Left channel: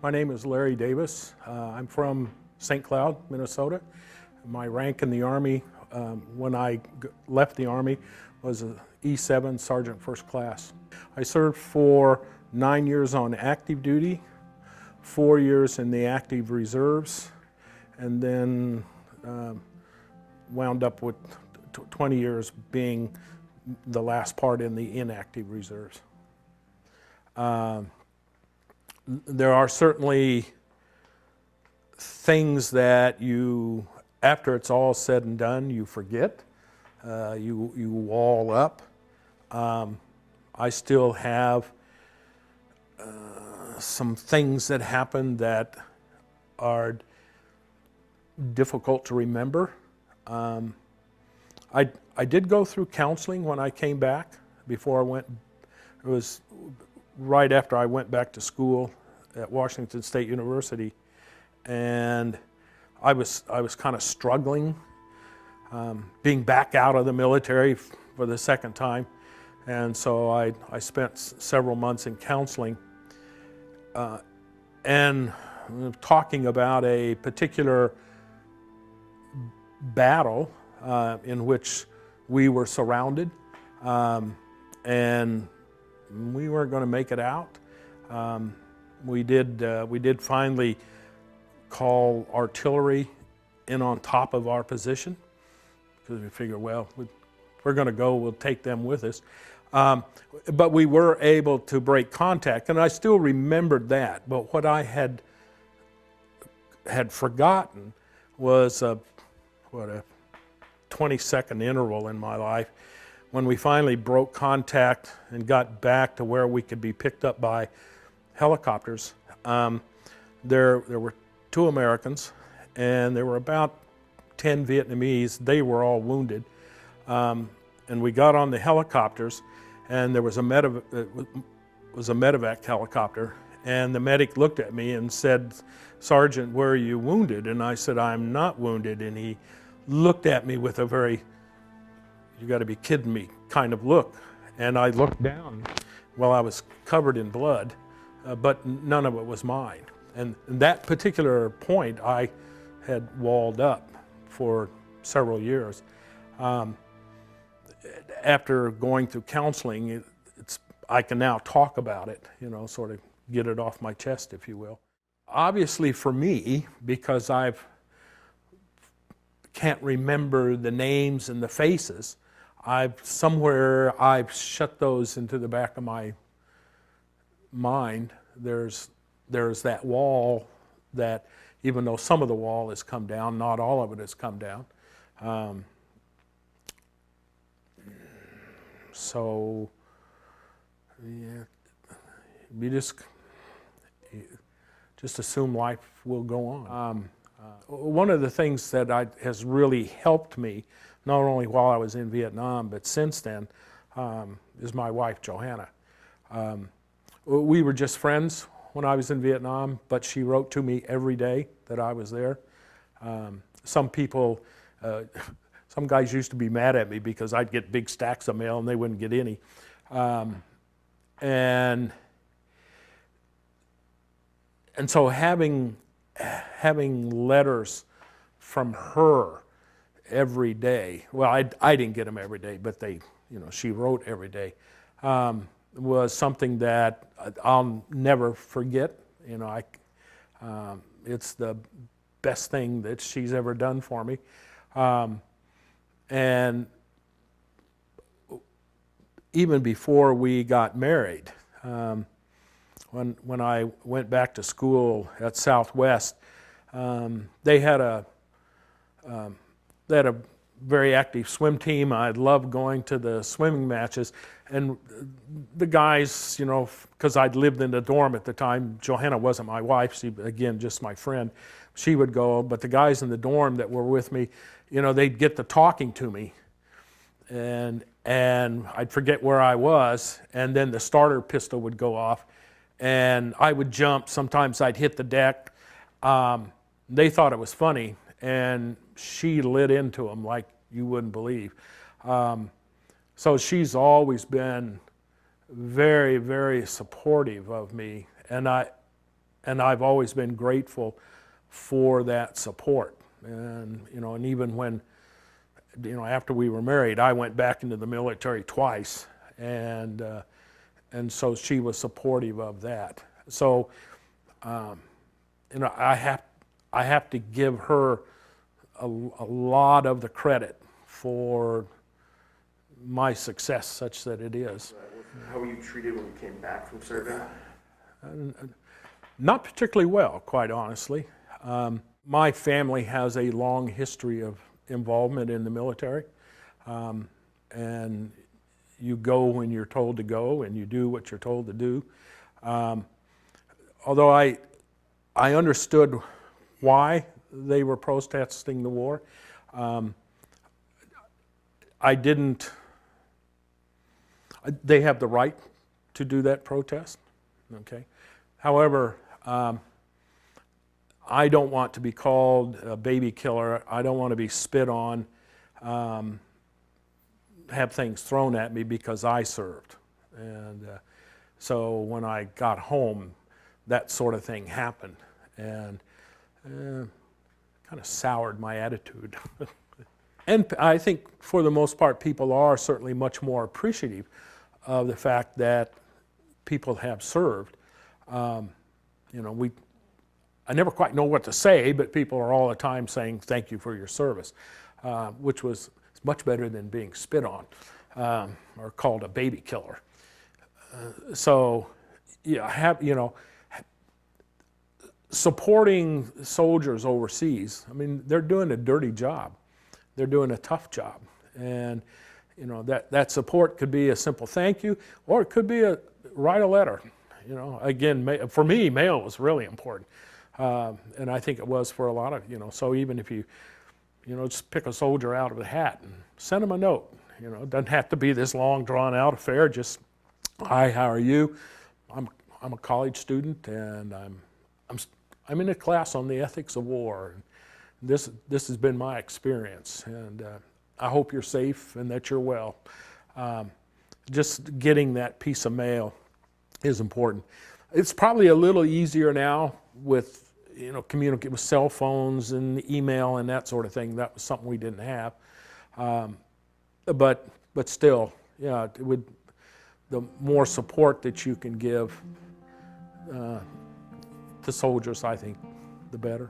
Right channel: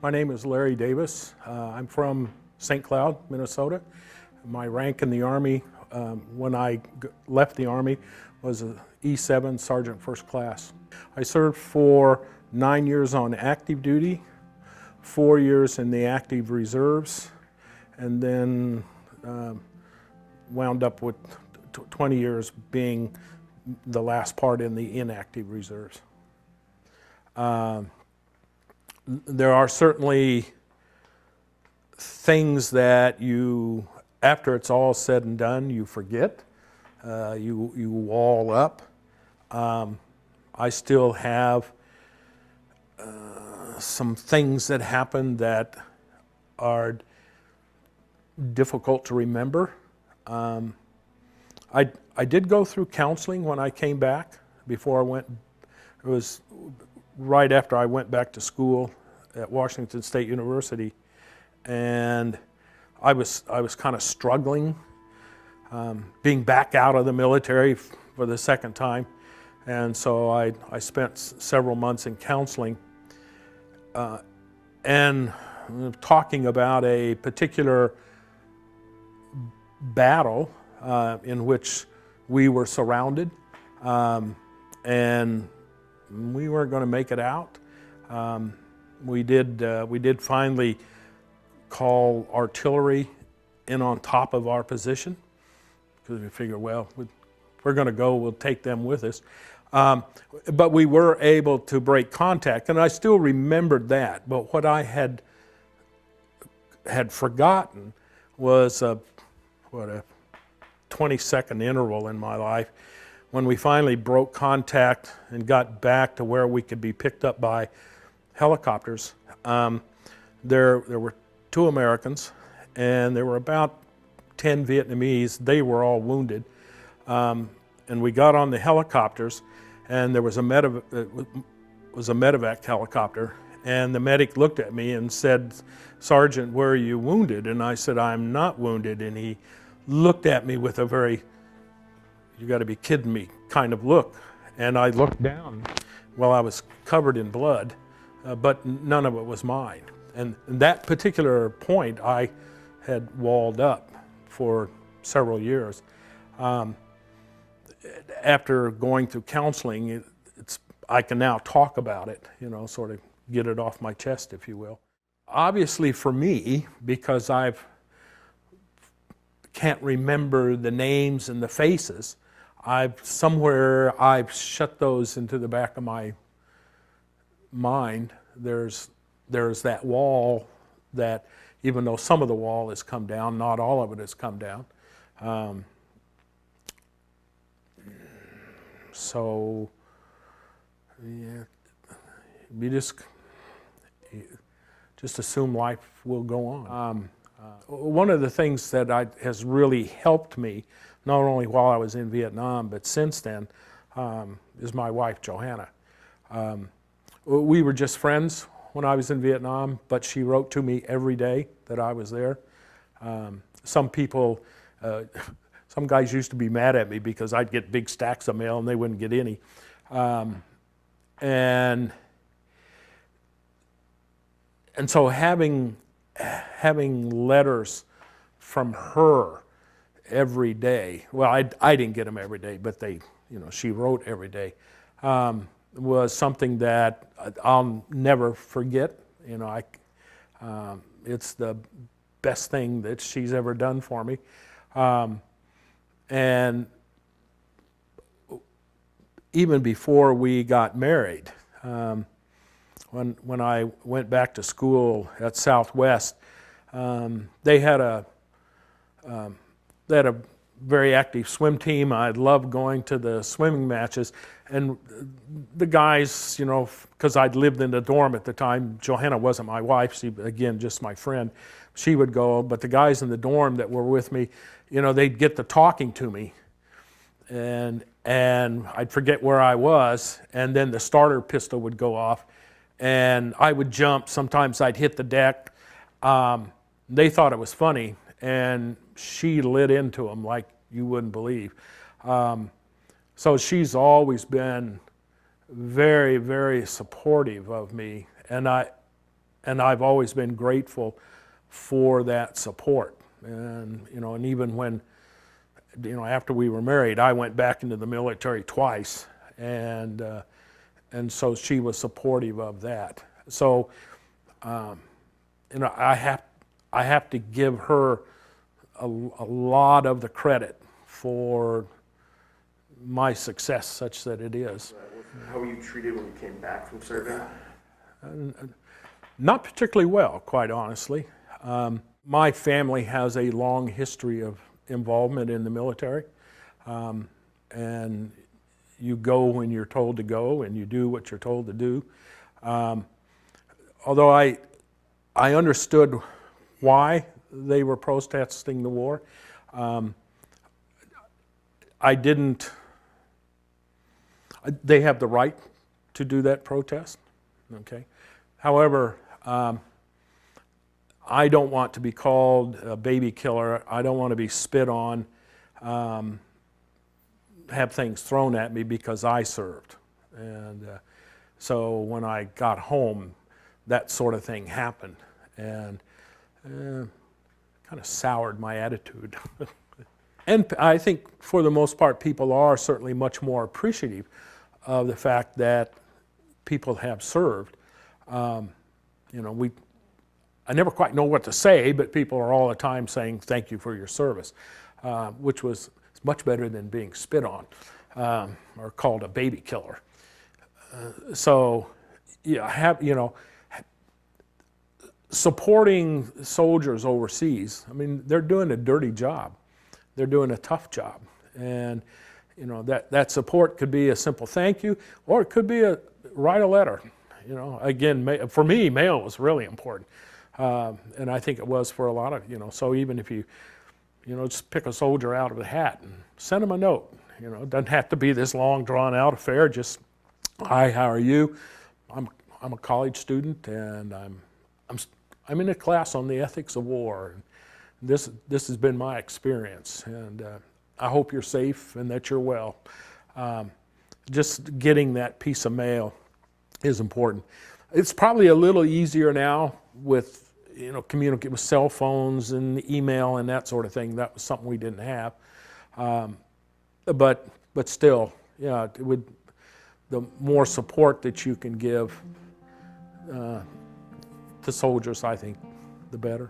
My name is Larry Davis. I'm from St. Cloud, Minnesota. My rank in the Army when I left the Army was an E7 Sergeant First Class. I served for 9 years on active duty, 4 years in the active reserves, and then wound up with 20 years being the last part in the inactive reserves. There are certainly things that you, after it's all said and done, you forget. You wall up. I still have some things that happened that are difficult to remember. I did go through counseling when I came back. Before I went, it was right after I went back to school at Washington State University, and I was kind of struggling, being back out of the military for the second time, and so I spent several months in counseling, and talking about a particular battle in which we were surrounded, and we weren't going to make it out. We did finally call artillery in on top of our position because we figured, well, if we're going to go, we'll take them with us. But we were able to break contact, and I still remembered that. But what I had forgotten was a 20-second interval in my life when we finally broke contact and got back to where we could be picked up by helicopters. There were 2 Americans, and there were about 10 Vietnamese. They were all wounded. And we got on the helicopters, and there was a medevac helicopter, and the medic looked at me and said, "Sergeant, where are you wounded?" And I said, "I'm not wounded." And he looked at me with a very, "you got to be kidding me" kind of look. And I looked down. Well, I was covered in blood, but none of it was mine. And that particular point, I had walled up for several years. After going through counseling, I can now talk about it, sort of get it off my chest, if you will. Obviously for me, because I can't remember the names and the faces, I've shut those into the back of my mind. There's that wall that, even though some of the wall has come down, not all of it has come down. So, yeah, you just assume life will go on. One of the things that has really helped me, not only while I was in Vietnam, but since then, is my wife, Johanna. We were just friends when I was in Vietnam, but she wrote to me every day that I was there. Some guys used to be mad at me because I'd get big stacks of mail and they wouldn't get any. And so having letters from her every day, well, I didn't get them every day, but she wrote every day, was something that I'll never forget. It's the best thing that she's ever done for me. And even before we got married, when I went back to school at Southwest, they had a very active swim team. I loved going to the swimming matches, and the guys, because I'd lived in the dorm at the time. Johanna wasn't my wife; she, again, just my friend. She would go, but the guys in the dorm that were with me, they'd get to talking to me, and I'd forget where I was, and then the starter pistol would go off, and I would jump. Sometimes I'd hit the deck. They thought it was funny, and she lit into them like you wouldn't believe. So she's always been very, very supportive of me, and and I've always been grateful for that support. And and even when after we were married, I went back into the military twice, and so she was supportive of that. So I have to give her a lot of the credit for my success, such that it is. How were you treated when you came back from serving? Not particularly well, quite honestly. My family has a long history of involvement in the military, and you go when you're told to go, and you do what you're told to do. Although I understood why they were protesting the war, I didn't. They have the right to do that protest, okay? However, I don't want to be called a baby killer. I don't want to be spit on, have things thrown at me because I served. And so when I got home, that sort of thing happened, and kind of soured my attitude. And I think for the most part, people are certainly much more appreciative of the fact that people have served. I never quite know what to say, but people are all the time saying thank you for your service, which was much better than being spit on or called a baby killer. Supporting soldiers overseas, I mean, they're doing a dirty job. They're doing a tough job. And, that support could be a simple thank you, or it could be write a letter. Again, for me, mail was really important. And I think it was for a lot of, so even if you, just pick a soldier out of a hat and send them a note. It doesn't have to be this long, drawn-out affair. Just, hi, how are you? I'm a college student, and I'm in a class on the ethics of war. And this has been my experience, and I hope you're safe and that you're well. Just getting that piece of mail is important. It's probably a little easier now with communicate with cell phones and email and that sort of thing. That was something we didn't have, but still, it would. The more support that you can give to soldiers, I think, the better.